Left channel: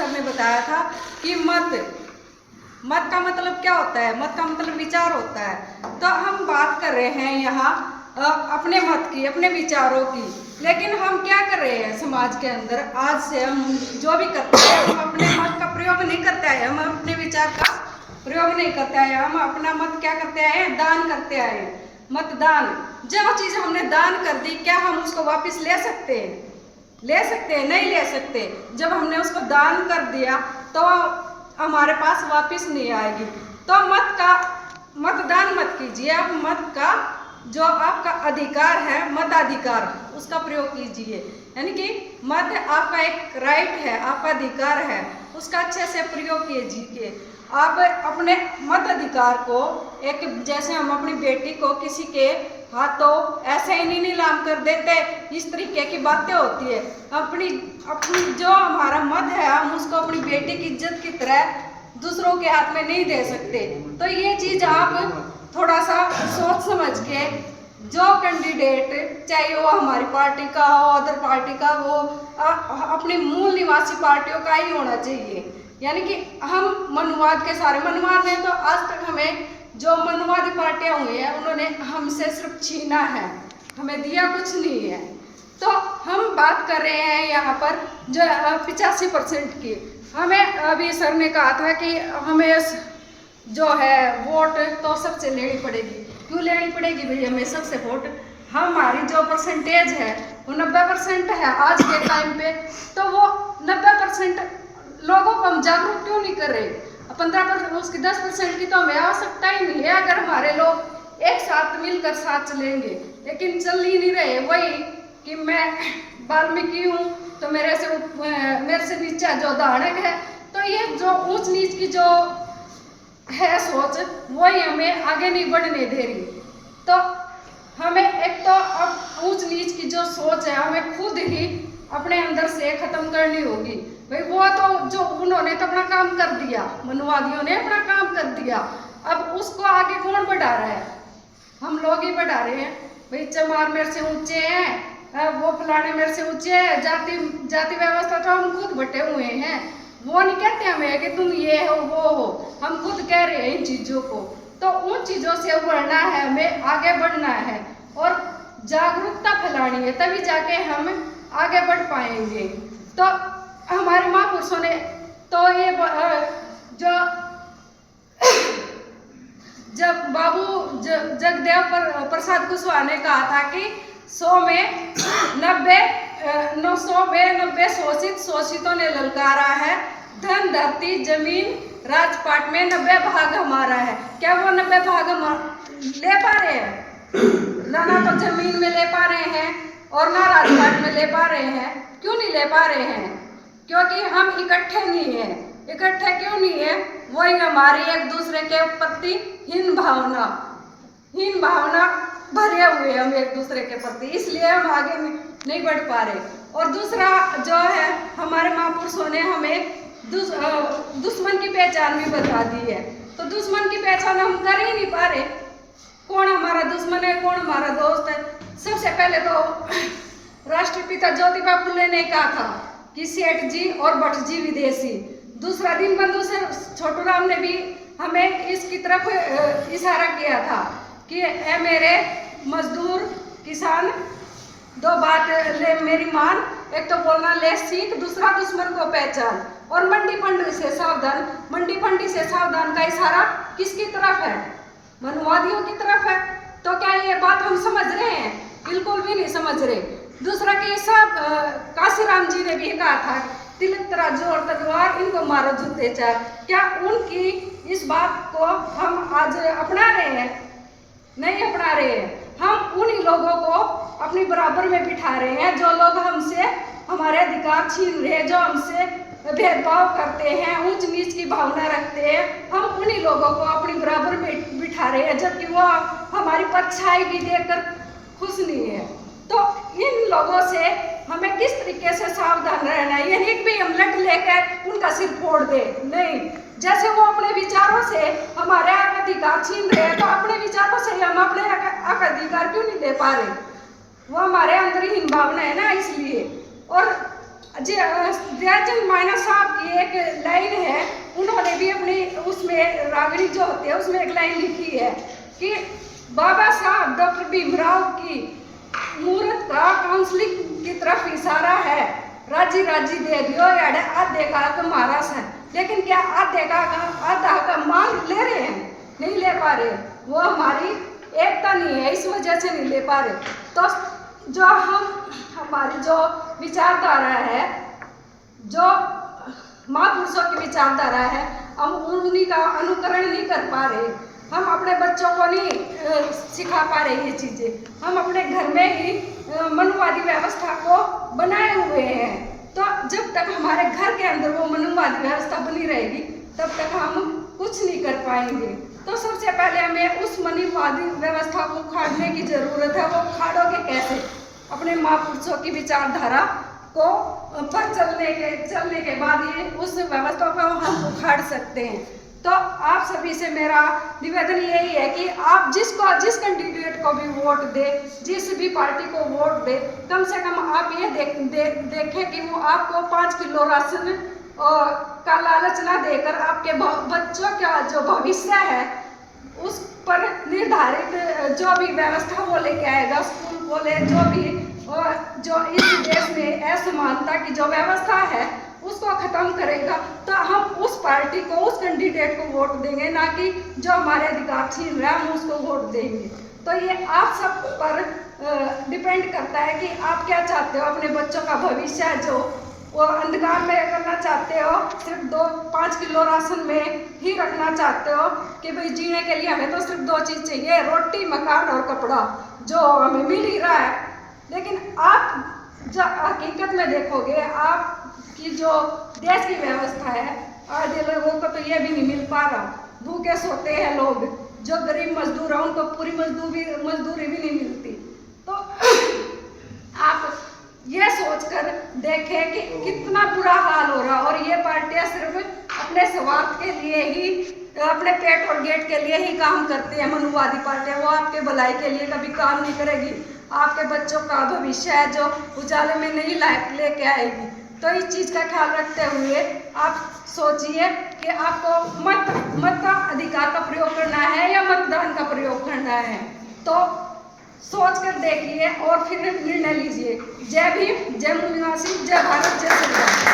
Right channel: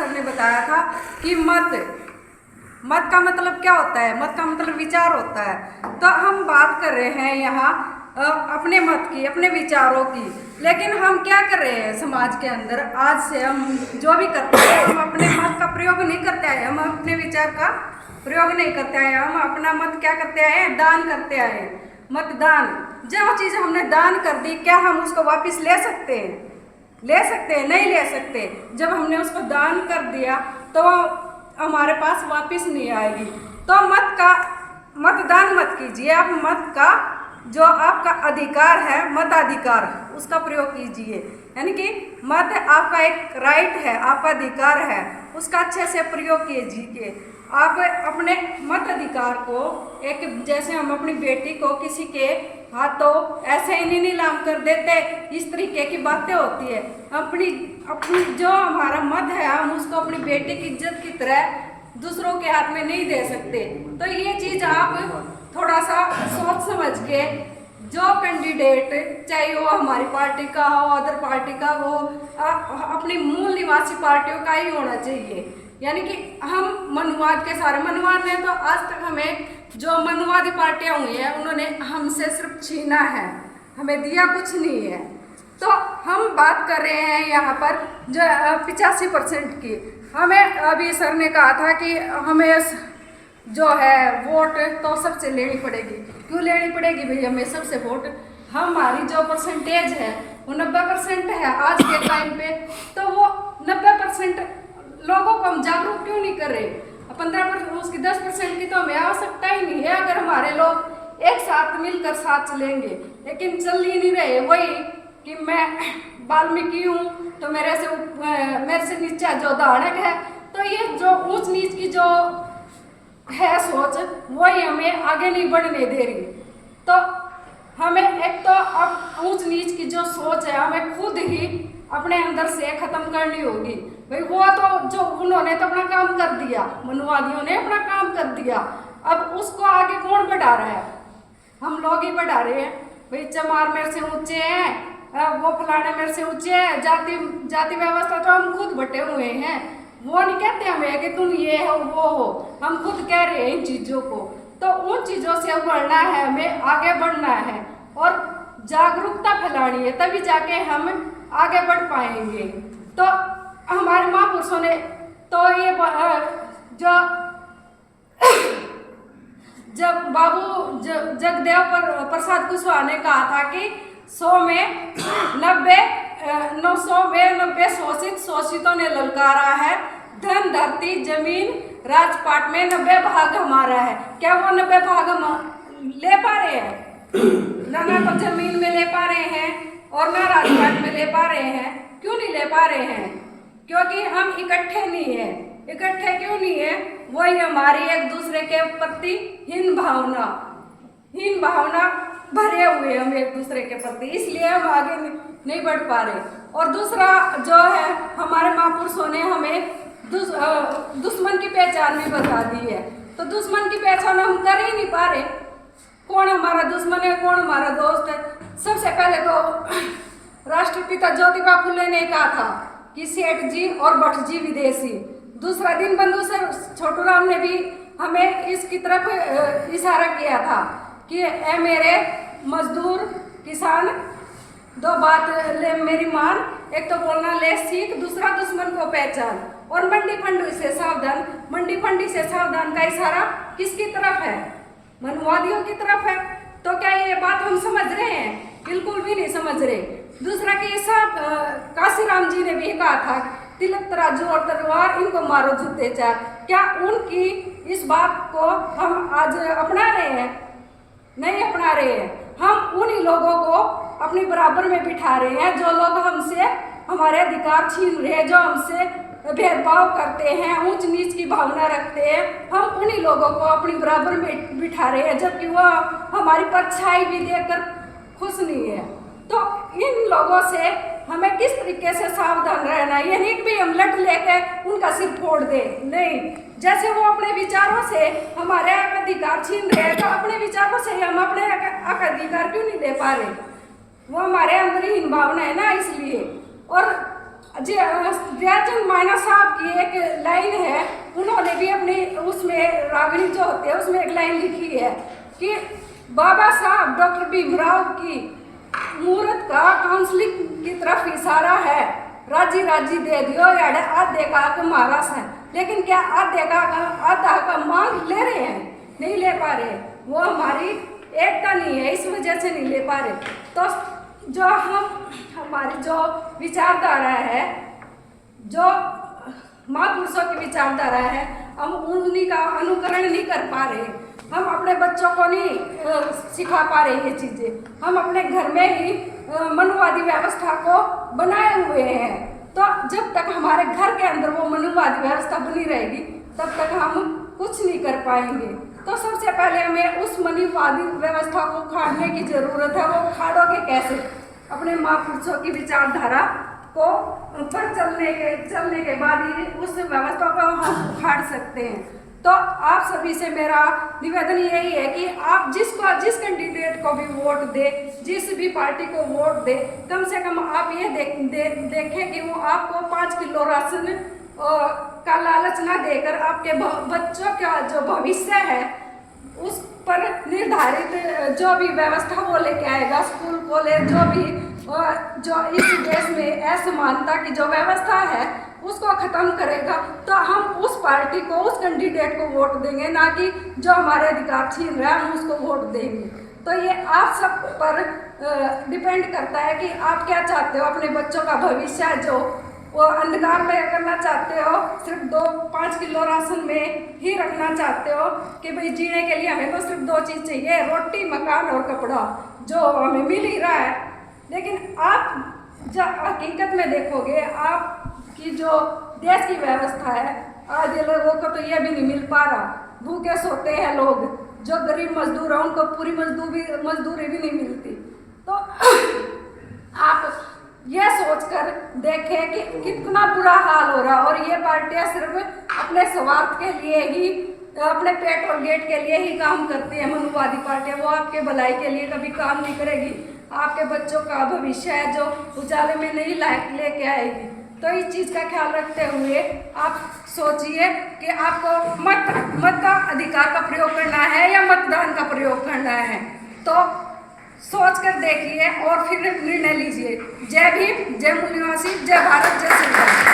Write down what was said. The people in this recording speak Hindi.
सर ने बताया था कि मत का मतलब क्या होता है, मत का मतलब विचार होता है। तो हम बात कर रहे हैं यहाँ अपने मत की, अपने विचारों की, लेकिन हम क्या कर रहे हैं समाज के अंदर? आज से हम जो भी करते हैं हम अपने मत का प्रयोग नहीं करते आए, हम अपने विचार का प्रयोग नहीं करते आए, हम अपना मत क्या करते आए हैं? दान करते आए हैं। मतदान, जो चीज़ हमने दान कर दी, क्या हम उसको वापस ले सकते हैं? ले सकते हैं? नहीं ले सकते। जब हमने उसको दान कर दिया तो हमारे पास वापस नहीं आएगी। तो मतदान मत कीजिए, आप मत का जो आपका अधिकार है, मताधिकार, उसका प्रयोग कीजिए। यानी कि मत आपका एक राइट है, आपका अधिकार है, उसका अच्छे से प्रयोग कीजिए। आप अपने मत अधिकार को एक, जैसे हम अपनी बेटी को किसी के हाथों ऐसे ही नहीं नीलाम कर देते, इस तरीके की बातें होती है। अपनी जो हमारा मत है, हम उसको अपनी बेटी की इज्जत की तरह दूसरों के हाथ में नहीं दे सकते। तो ये चीज़ आप थोड़ा सा सोच समझ के, जो कैंडिडेट चाहे वो हमारी पार्टी का हो, अदर पार्टी का हो, अपनी मूल निवासी पार्टियों का ही होना चाहिए। यानी कि हम मनुवाद के सारे मनुवाद हैं, तो आज तक हमें जो मनुवादी पार्टियां हुई हैं उन्होंने हमसे सिर्फ छीना है, हमें दिया कुछ नहीं है। तो हम बात कर रहे हैं यहाँ पर जो 85% की। हमें अभी सर ने कहा था कि हमें जो है वोट तो सबसे लेनी पड़ेगी। क्यों लेनी पड़ेगी भाई हमें सबसे वोट? हमारी जो परसेंटेज है वो 90% है आज के टाइम पे, तो वो 90% लोगों को हम जागरूक क्यों नहीं कर रहे? 15%, उसकी 10% की तो हमें आवश्यकता ही नहीं है अगर हमारे लोग एक साथ मिलकर साथ चलेंगे। लेकिन चल ही नहीं रहे। वही कि मैं वाल्मीकि हूँ तो मेरे से नीचा जो दानक है, तो ये जो ऊंच नीच की जो है सोच, वही हमें आगे नहीं बढ़ने दे रही। तो हमें एक तो अब ऊंच नीच की जो सोच है हमें खुद ही अपने अंदर से खत्म करनी होगी। भाई वो तो जो उन्होंने तो अपना काम कर दिया, मनुवादियों ने अपना काम कर दिया, अब उसको आगे कौन बढ़ा रहा है? हम लोग ही बढ़ा रहे हैं। भाई चमार मेरे से ऊंचे हैं, वो फलाने मेरे से ऊंचे हैं, जाति व्यवस्था तो हम खुद बटे हुए हैं। वो नहीं कहते हमें कि तुम ये हो वो हो, हम खुद कह रहे हैं इन चीज़ों को। तो उन चीज़ों से उभरना है, हमें आगे बढ़ना है और जागरूकता फैलानी है, तभी जाके हम आगे बढ़ पाएंगे। तो हमारे महापुरुषों ने तो ये जो जब बाबू जगदेव प्रसाद कुशवाहा ने कहा था कि 100 में 90 शोषित, शोषितों ने ललकारा है, धन धरती जमीन राजपाट में 90 भाग हमारा है। क्या वो 90 भाग हम ले पा रहे हैं? ना तो जमीन में ले पा रहे हैं और ना राजपाट में ले पा रहे हैं। क्यों नहीं ले पा रहे हैं? क्योंकि हम इकट्ठे नहीं हैं। इकट्ठे क्यों नहीं है? वही हमारी एक दूसरे के प्रति हीन भावना भरे हुए हम एक दूसरे के प्रति, इसलिए हम आगे नहीं बढ़ पा रहे। और दूसरा जो है, हमारे महापुरुषों ने हमें दुश्मन की पहचान भी बता दी है। तो दुश्मन की पहचान हम कर ही नहीं पा रहे। कौन हमारा दुश्मन है, कौन हमारा दोस्त है? सबसे पहले तो राष्ट्रपिता ज्योतिबा फुले ने कहा था कि सेठ जी और भट्ट जी विदेशी। दूसरा दीनबंधु सर छोटूराम ने भी हमें इसकी तरफ इशारा किया था कि ए मेरे मजदूर किसान, दो बात ले मेरी मान, एक तो बोलना ले सीख, दूसरा दुश्मन को पहचान। और मंडी फंडी से सावधान, मंडी फंडी से सावधान का इशारा किसकी तरफ है? मनुवादियों की तरफ है। तो क्या ये बात हम समझ रहे हैं? बिल्कुल भी नहीं समझ रहे। दूसरा कि सब काशीराम जी ने भी कहा था तिलक तराजू और तलवार, इनको मारो जूते चार। क्या उनकी इस बात को हम आज अपना रहे हैं? नहीं अपना रहे हैं। हम उन्हीं लोगों को अपनी बराबर में बिठा रहे हैं जो लोग हमसे हमारे अधिकार छीन रहे हैं, जो हमसे भेदभाव करते हैं, ऊंच नीच की भावना रखते हैं। हम उन्हीं लोगों को अपनी बराबर में बिठा रहे हैं, जबकि वो हमारी परछाई भी देखकर खुश नहीं है। तो इन लोगों से हमें किस तरीके से सावधान रहना है? ये नहीं कि हम लट लेकर उनका सिर फोड़ दे, नहीं। जैसे वो अपने विचारों से हमारे अधिकार छीन रहे हैं, तो अपने विचारों से हम अपने अधिकार क्यों नहीं ले पा रहे? वो हमारे अंदर ही भावना है ना, इसलिए। और जी दयाचंद मायना साहब की एक लाइन है, उन्होंने भी अपनी उसमें रागिणी जो होती है उसमें एक लाइन लिखी है कि बाबा साहब डॉक्टर भीमराव की मूर्त का काउंसलिंग की तरफ इशारा है, राजी राजी दे दियो याडे आधे का महाराज है। लेकिन क्या आधा का मांग ले रहे हैं? नहीं ले पा रहे। वो हमारी एकता नहीं है, इस वजह से नहीं ले पा रहे। तो जो हमारी जो विचारधारा है, जो महापुरुषों की विचारधारा है, हम उन्हीं का अनुकरण नहीं कर पा रहे। हम अपने बच्चों को नहीं सिखा पा रहे ये चीज़ें। हम अपने घर में ही मनुवादी व्यवस्था को बनाए हुए हैं। तो जब तक हमारे घर के अंदर वो मनुवादी व्यवस्था बनी रहेगी तब तक हम कुछ नहीं कर पाएंगे। तो सबसे पहले हमें उस मनुवादी व्यवस्था को उखाड़ने की ज़रूरत है। वो उखाड़ोगे कैसे? अपने महापुरुषों की विचारधारा को पर चलने के बाद ही उस व्यवस्था को हम उखाड़ सकते हैं। तो आप सभी से मेरा निवेदन यही है कि आप जिस कैंडिडेट को भी वोट दे, जिस भी पार्टी को वोट दे, कम से कम आप ये देखें कि वो आपको 5 किलो राशन का लालच ना देकर आपके बच्चों का जो भविष्य है उस पर निर्धारित जो भी व्यवस्था वो लेके आएगा, स्कूल कॉलेज जो इस देश में असमानता की जो व्यवस्था है उसको ख़त्म करेगा। तो हम उस पार्टी को, उस कैंडिडेट को वोट देंगे, ना कि जो हमारे अधिकार छीन रहा है हम उसको वोट देंगे। तो ये आप सब पर डिपेंड करता है कि आप क्या चाहते हो। अपने बच्चों का भविष्य जो वो अंधकार में करना चाहते हो, सिर्फ 5 किलो राशन में ही रखना चाहते हो कि भाई जीने के लिए हमें तो सिर्फ 2 चीज़ चाहिए, रोटी, मकान और कपड़ा, जो हमें मिल ही रहा है। लेकिन आप जब हकीकत में देखोगे, आपकी जो देश की व्यवस्था है, आधे लोगों को तो यह भी नहीं मिल पा रहा। भूखे सोते हैं लोग, जो गरीब मजदूर हैं उनको पूरी मजदूरी भी नहीं मिलती। तो आप यह सोचकर देखें कि कितना बुरा हाल हो रहा। और ये पार्टियां सिर्फ अपने स्वार्थ के लिए ही, अपने पेट और गेट के लिए ही काम करती है। मनुवादी पार्टियां, वो आपके भलाई के लिए कभी काम नहीं करेगी। आपके बच्चों का भविष्य है जो उजाले में नहीं लेके आएगी। तो इस चीज़ का ख्याल रखते हुए आप सोचिए कि आपको मत अधिकार का प्रयोग करना है या मतदान का प्रयोग करना है। तो सोच कर देखिए और फिर निर्णय लीजिए। जय भीम, जय मूल निवासी, जय भारत, जय श्री राम।